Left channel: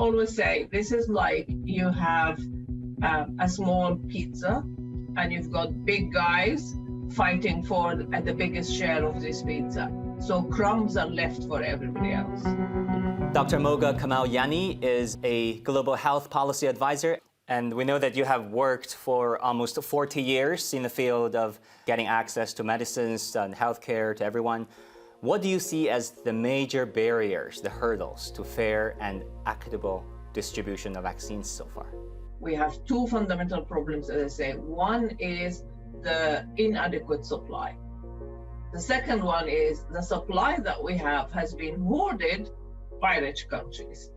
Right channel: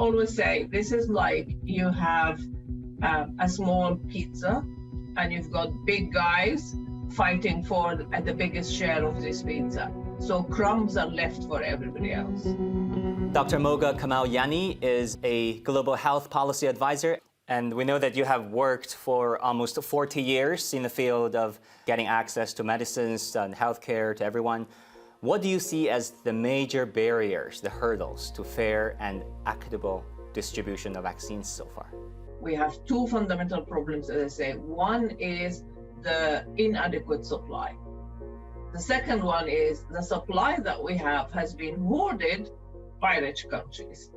always say this is like you have a small pizza and you've got big guys fighting for the biggest share of this pizza. So crumbs are left for everybody else. Dr. Mohga Kamal Yanni is a global health policy advisor. And we know that you have worked for almost 40 years in the field of getting access to medicines and healthcare to everyone. What do you see as the major barriers, the hurdles to fair and equitable distribution of vaccines so far? We have two fundamental problems, as I say. One is the inadequate supply. The second one is the supply that we have has been hoarded by rich countries.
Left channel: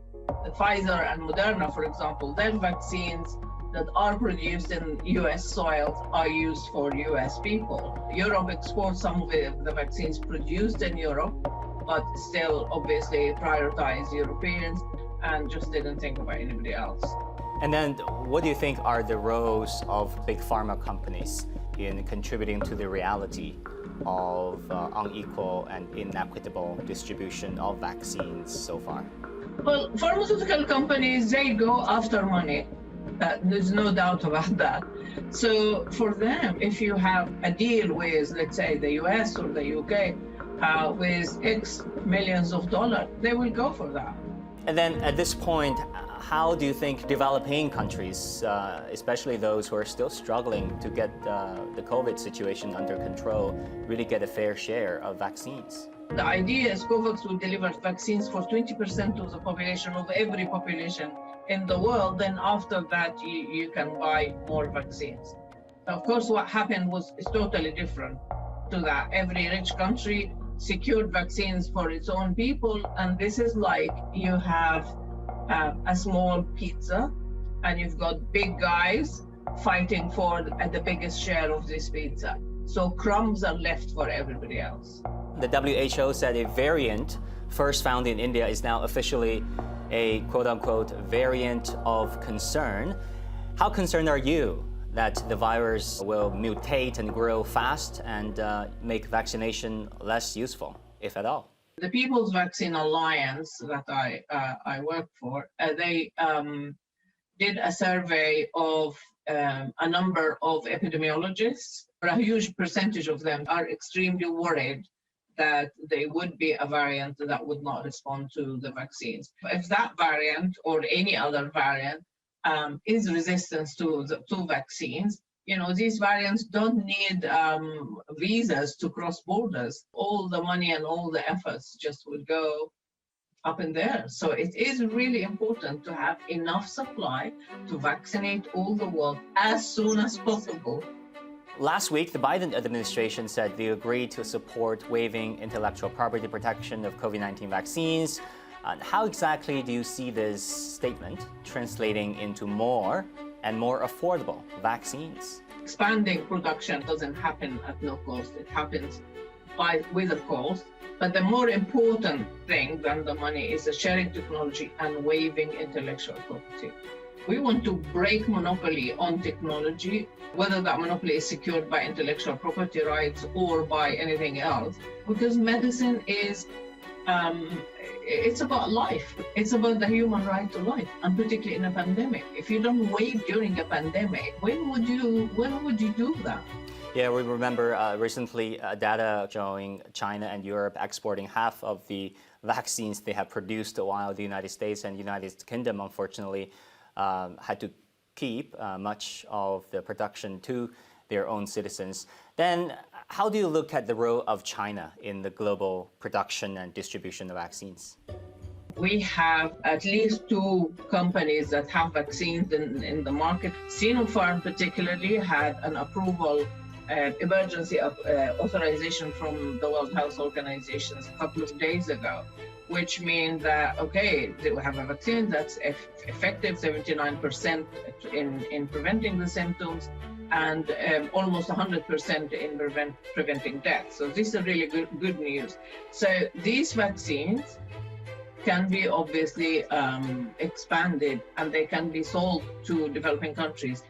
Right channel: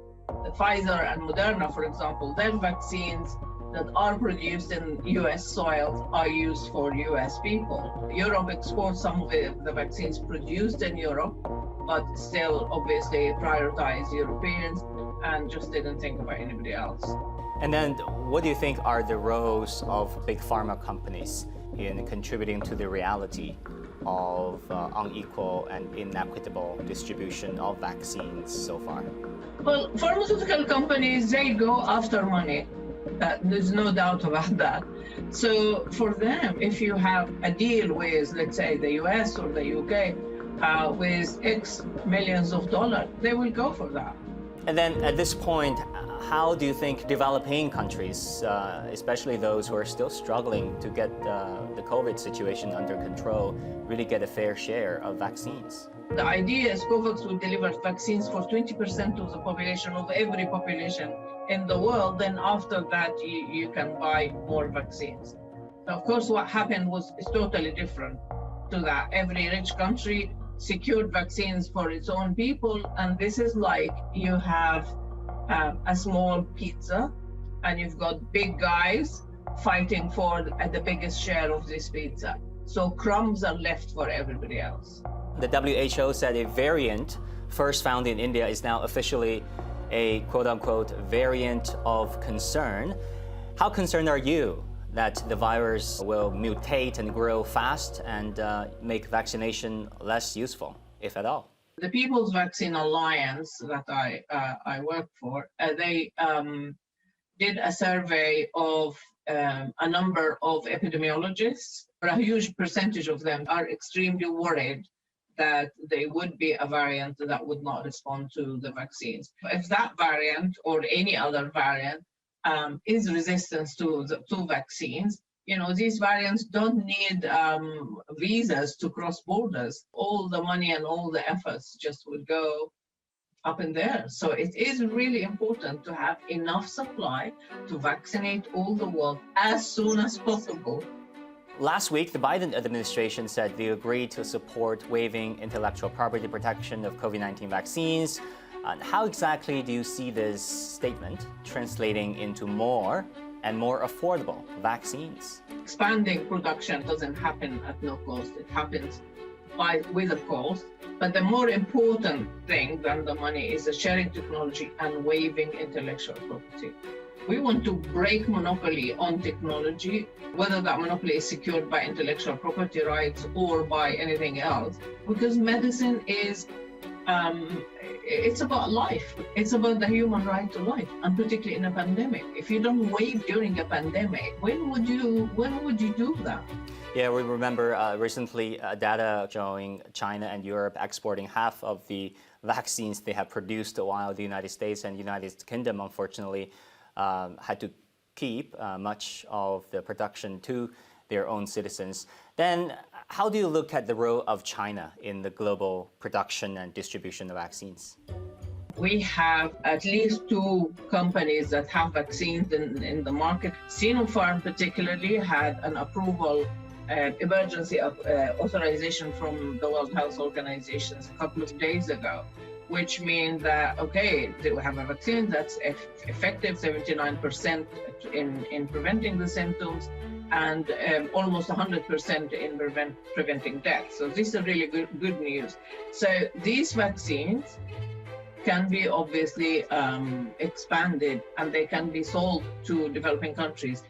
The Pfizer and Moderna, for example, their vaccines that are produced in US soils are used for US people. Europe exports some of the vaccines produced in Europe, but still obviously prioritize Europeans and just didn't think about anybody else. And then what do you think are the roles of big pharma companies in contributing to the reality of unequal and inequitable distribution of vaccines so far? Well, pharmaceutical companies, they go after money. There's no doubt about that. So for them, if you have a deal with, let's say, the US or the UK with X millions of dollars, they will go for that. And then at this point, how do you think developing countries, especially those who are still struggling to get the COVID situation under control, really get a fair share of vaccines? The idea is COVAX will deliver vaccines for 20% of the population, of every population in the world. Then after that, you can buy more vaccines. Of course, what happened is totally different to that. Every rich country secured vaccines for its own people. And this is like you have a small pizza and you've got big guys fighting for the biggest share of this pizza. So crumbs are left for everybody else. The WHO said a variant first found in India is now officially a quote-unquote variant of concern. How concerned are you that the virus will mutate and grow fast and make vaccination less useful, if at all? The People's Vaccine Alliance that I work for, they did a survey of a number of epidemiologists. A huge percentage of them are extremely worried that there would be a variant that would not respond to the vaccines. If that variant or any other variant is resistant to vaccines, these variants don't need visas to cross borders. All the money and all the efforts just would go up in there. So it is really important to have enough supply to vaccinate all the world as soon as possible. Last week, the Biden administration said they agreed to support waiving intellectual property protection of COVID-19 vaccines. How exactly do you see this statement translating into more and more affordable vaccines? Expanding production doesn't happen at no cost. It happens with a cost. But the more important thing than the money is the sharing technology and waiving intellectual property. We want to break monopoly on technology, whether that monopoly is secured by intellectual property rights or by anything else, because medicine is, it's about life. It's about the human right to life, and particularly in a pandemic. If you don't waive during a pandemic, when would you do that? Yeah, we remember recently data showing China and Europe exporting half of the vaccines they have produced, while the United States and United Kingdom, unfortunately, had to keep much of the production to their own citizens. Then how do you look at the role of China in the global production and distribution of vaccines? We have at least two companies that have vaccines in the market. Sinopharm particularly had an approval, emergency authorization from the World Health Organization a couple of days ago, which means that, okay, they have a vaccine that's effective 79% in preventing the symptoms and almost 100% in preventing death. So this is really good news. So these vaccines can be obviously expanded and they can be sold to developing countries.